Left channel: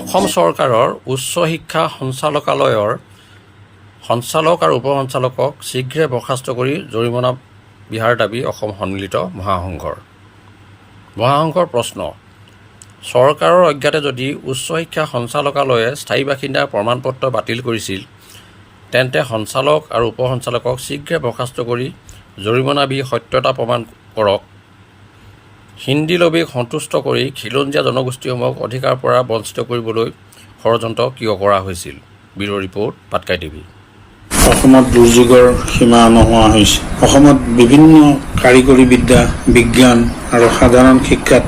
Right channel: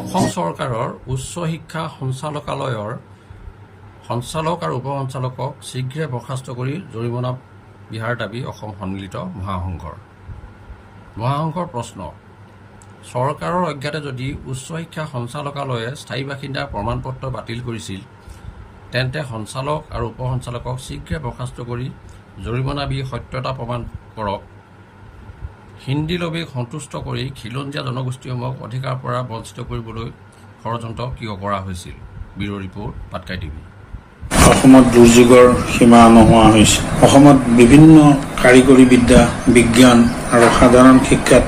অসম চৰকাৰৰ উচ্চ শিক্ষা সঞ্চালকালয়ৰ সঞ্চালক আৰু উপ সঞ্চালকক শীঘ্ৰে বৰ্খাস্ত কৰি জৰিমনা বিহাৰ দাবী অসম সন্মিলিত মহাসংঘৰ প্ৰশ্ন, চৰকাৰৰ অজ্ঞাতে যদি উচ্চ শিক্ষা সঞ্চালকালয়ে স্থায়ী বাসিন্দাৰ প্ৰমাণপত্ৰ বাতিল কৰিছিল তেন্তে সঞ্চালক আৰু উপ সঞ্চালকক শীঘ্ৰে বৰ্খাস্ত কৰি জৰিমনা বিহি সত্যতা প্ৰমাণ কৰক। হিন্দী লবিক সন্তুষ্ট কৰি খিলঞ্জীয়া জনগোষ্ঠীসমূহক অধিকাৰৰ পৰা বঞ্চিত কৰিবলৈ ষড়যন্ত্ৰ কিয় কৰা হৈছিল? Bureau' report, Patkai TV. অসমত দুৰ্যোগৰ সীমা নোহোৱা হৈছে। অসমত বিভিন্ন কাৰিকৰী বিদ্যা, বিজ্ঞান আৰু সাধাৰণ শিক্ষাত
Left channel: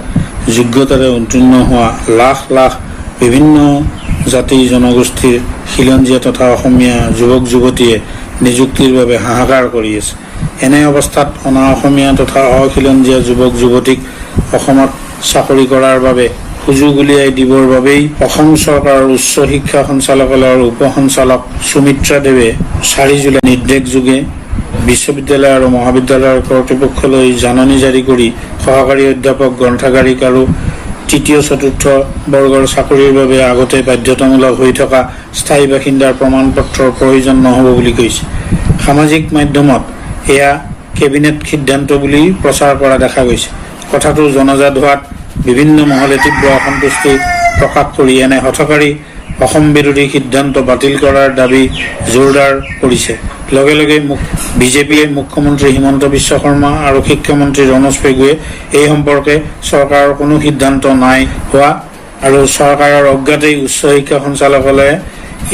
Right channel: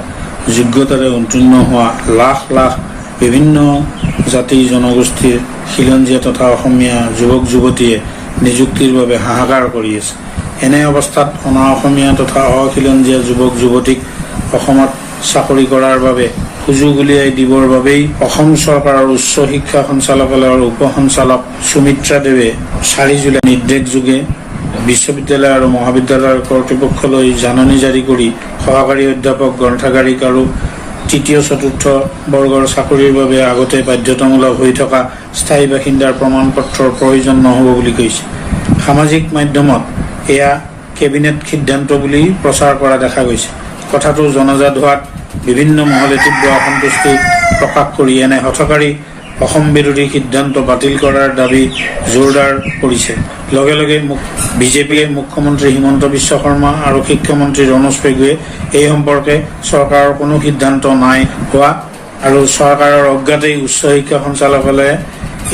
যোগ্যতাৰে উত্তীৰ্ণ হোৱা লাখ লাখ বিভিন্ন জাতি জনগোষ্ঠীৰ খিলঞ্জীয়া তথা অসমীয়া যুৱক যুৱতীয়ে নিযুক্তিৰ বাবে হাহাকাৰ কৰি আছে। এনে অৱস্থাত অনা অসমীয়া তথা অখিলঞ্জীয়া যুৱক যুৱতীক অসমত চাকৰি কৰাৰ বাবে সুযোগ উলিয়াই দিবৰ বাবেই অসম চৰকাৰৰ উচ্চ শিক্ষা সঞ্চালকালয়ৰ উপ সঞ্চালক সুমিত্ৰা দেৱে 4 জুলাই নিৰ্দেশযোগে বিশ্ববিদ্যালয় আৰু মহাবিদ্যালয়ৰ কৰ্তৃপক্ষলৈ জাননী জাৰি কৰি সহকাৰী অধ্যাপক, গ্ৰন্থাগাৰিক আৰু তৃতীয় চতুৰ্থ বৰ্গৰ চাকৰিৰ বাবে আগতে বাধ্যতামূলক হৈ থকা স্থায়ী বাসিন্দাৰ প্ৰমাণপত্ৰৰ প্ৰয়োজন নহ'ব বুলি কৈছে। সামাজিক মাধ্যমত এয়া কেবিনেট সিদ্ধান্ত বুলি প্ৰচাৰ কৰা দেখা গৈছে। কথাটো জনজাত হোৱাত বিভিন্ন মহলে তীব্ৰ অসন্তুষ্টি প্ৰকাশ কৰি এনে হঠকাৰী অসম বিৰোধী সিদ্ধান্ত বাতিল কৰাৰ দাবী জোৰদাৰ কৰিছে। লগে লগে বিজেপিয়ে মুখ্যমন্ত্ৰী হিমন্ত বিশ্ব শৰ্মা আৰু শিক্ষামন্ত্ৰী ৰমেশ পেগুৱে এই সম্পৰ্কে চৰকাৰৰ কোনো সিদ্ধান্ত নাই হোৱা আৰু চৰকাৰৰ অজ্ঞাতেই উচ্চ শিক্ষা সঞ্চালকালয়ে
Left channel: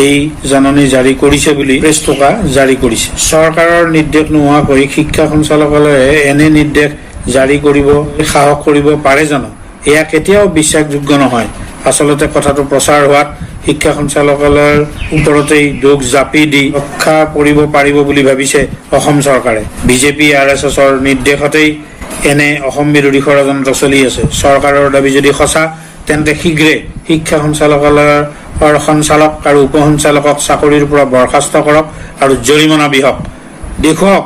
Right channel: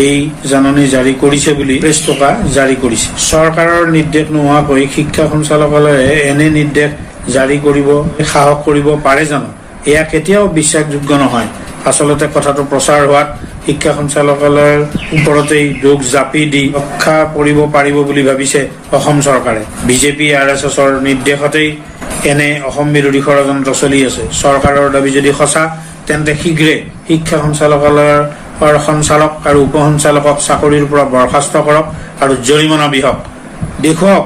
এই জাননী জাৰি কৰিছে বুলি প্ৰেছ টকা জাৰি কৰিছে। চৰকাৰৰ নিৰ্দেশ নোহোৱাকৈ শিক্ষা সঞ্চালকালয়ে এনে নিৰ্দেশ জাৰি কৰিব সাহস কৰিব পাৰে জানো? এয়া কেতিয়াও বিশ্বাসযোগ্য নহয়। আচলতে কথাটো প্ৰচাৰ হোৱাত শিক্ষা সঞ্চালকালয়ৰ ওপৰতেই দোষ জাপি দি ৰক্ষা কৰিব পাৰিব বুলি ভাবিছে অসম চৰকাৰে। বিজেপি RSSৰ নিৰ্দেশতেই এনে অসম বিৰোধী ষড়যন্ত্ৰ চলি আছে। চৰকাৰৰ দাবী যদি সঁচা তেন্তে শীঘ্ৰে শিক্ষা সঞ্চালকালয়ৰ সঞ্চালক আৰু উপ সঞ্চালকক চাকৰিৰ পৰা বৰ্খাস্ত কৰক আৰু জৰিমনা বিহক। দেখুৱাওক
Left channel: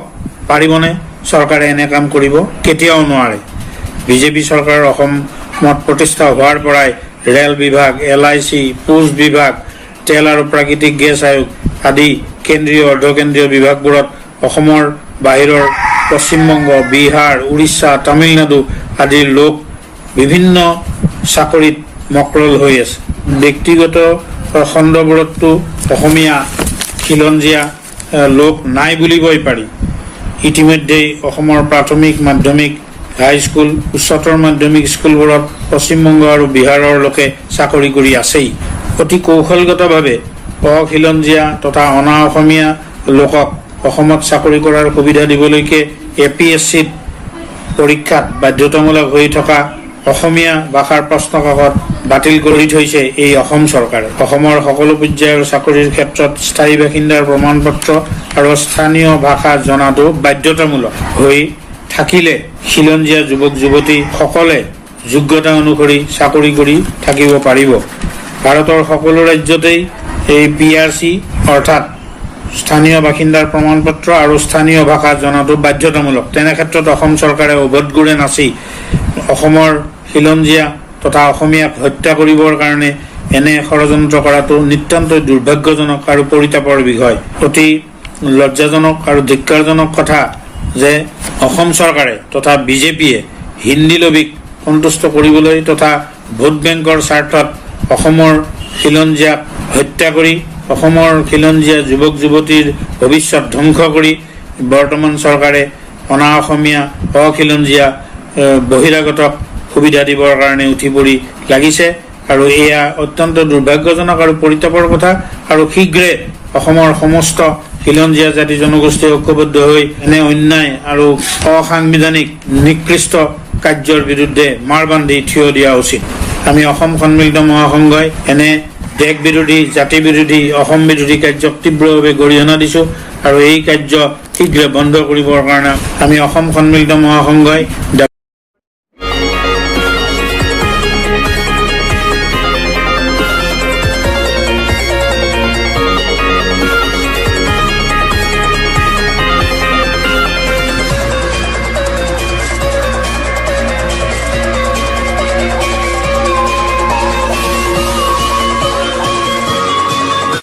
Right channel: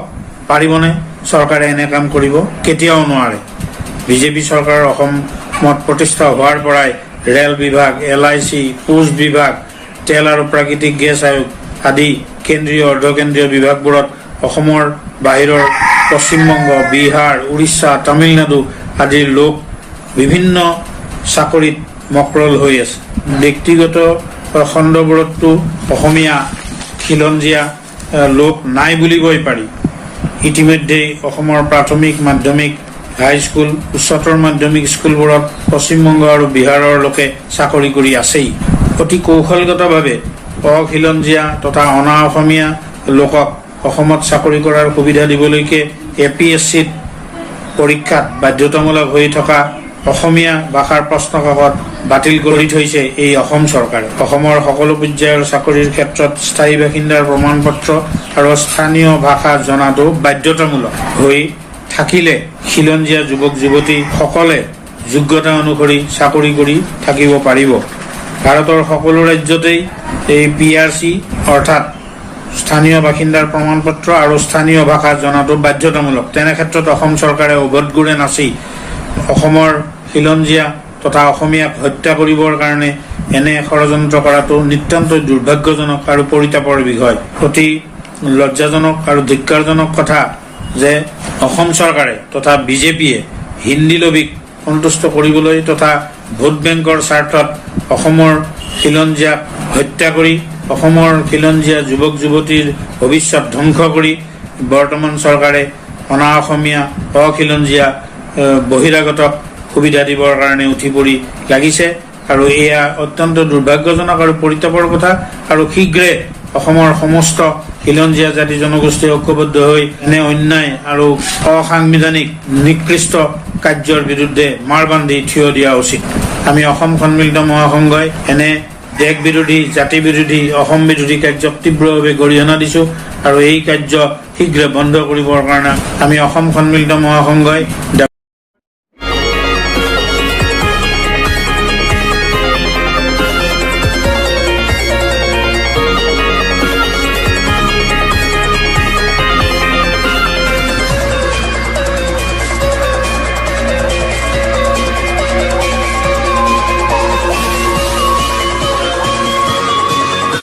পাৰিবনে চৰকাৰে এনে কাম কৰিব? কেতিয়াও নোৱাৰে। বিজেপি চৰকাৰৰ অসমত প্ৰতিষ্ঠা হোৱাৰ পৰাই ৰেল বিভাগ, LIC, পোষ্ট বিভাগ, তেল আৰু প্ৰাকৃতিক গেছ আয়োগ আদি কেন্দ্ৰীয় অৰ্ধকেন্দ্ৰীয় বিভাগবোৰত অসমৰ বাহিৰৰ পশ্চিমবংগ, বিহাৰ, উৰিষ্যা, তামিলনাডু আদিৰ লোক বিভিন্ন চাকৰিত মকৰল হৈ আছে। ব্যক্তিগত খণ্ডবোৰতো অসমীয়া খিলঞ্জীয়া লোক নাই বুলিবই পাৰি। ইতিমধ্যেই অসমৰ প্ৰাথমিক, মাধ্যমিক, হাইস্কুল, উচ্চতৰ মাধ্যমিক স্কুলবোৰত পশ্চিমবংগ আৰু বিহাৰৰ লোকে চাকৰি কৰি আছেই। অতি কৌশলগতভাৱে অখিলঞ্জীয়া তথা অনা অসমীয়া লোকক অসমত চাকৰি কৰাৰ সুবিধা দিবলৈকে APSCত পৰীক্ষাত বাধ্যতামূলক হৈ থকা অসমীয়া ভাষাৰ প্ৰশ্নকাকত বাতিল কৰি থৈছে এই অসম চৰকাৰে। অসমৰ সকলো পৰ্যায়ৰ চাকৰিৰ ক্ষেত্ৰত স্থায়ী বাসিন্দাৰ প্ৰমাণপত্ৰ আৰু স্থানীয় ভাষা জনাটো বাধ্যতামূলক হৈ থাকিলে খিলঞ্জীয়া যুৱক যুৱতীসকলে যোগ্যতা অনুসৰি চাকৰি কৰি থাকিব পাৰিব। ভাৰতৰ সকলো ৰাজ্যতেই এই PRC অৰ্থাৎ স্থানীয় বাসিন্দাৰ প্ৰমাণপত্ৰ আৰু স্থানীয় ভাষা জনাটো বাধ্যতামূলক। তেনে ক্ষেত্ৰত অসম চৰকাৰে উভতগুৰে নাচি অসমৰ খিলঞ্জীয়া তথা অসমীয়াক হত্যা কৰিবৰ কাৰণে এনে ষড়যন্ত্ৰ কৰাটো নিতান্ত দুৰ্ভাগ্যজনক আৰু পৰিতাপৰ বিষয়। অতি লজ্জাজনক আৰু ধিক্কাৰজনক কথা যে অসম চৰকাৰে তথা বিজেপিয়ে হিন্দী লবিক সন্তুষ্ট কৰিবলৈ তথা ভোট বেংকৰ স্বাৰ্থত অসমৰ খিলঞ্জীয়াক হত্যা কৰি অসমৰ খিলঞ্জীয়া যুৱক যুৱতীৰ ভৱিষ্যত ধ্বংস কৰি বৰ্তমান চৰকাৰে অনা অসমীয়া অখিলঞ্জীয়া বহিৰাগতক সুবিধা দিবৰ কাৰণে উঠি পৰি লাগিছে আৰু এয়া অত্যন্ত দুৰ্ভাগ্যজনক আৰু পৰিতাপৰ কথা। আৰু শীঘ্ৰে অসমৰ সমস্ত খিলঞ্জীয়া জাতি জনগোষ্ঠী ঐক্যবদ্ধ হৈ এনে অন্যায় আৰু অসাংবিধানিক নিকৃষ্ট কাৰ্যৰ বিৰুদ্ধে মাৰ বান্ধি থিয় দিয়া উচিত। আমি অসম সন্মিলিত মহাসংঘই এনে দেশ বিৰোধী, জাতি বিৰোধী, অসম বিৰোধী কাৰ্যক তীব্ৰভাৱে গৰিহণা দিছো আৰু এই কাৰ্য শীঘ্ৰে বন্ধ কৰিবৰ কাৰণে আমি অসম সন্মিলিত মহাসংঘই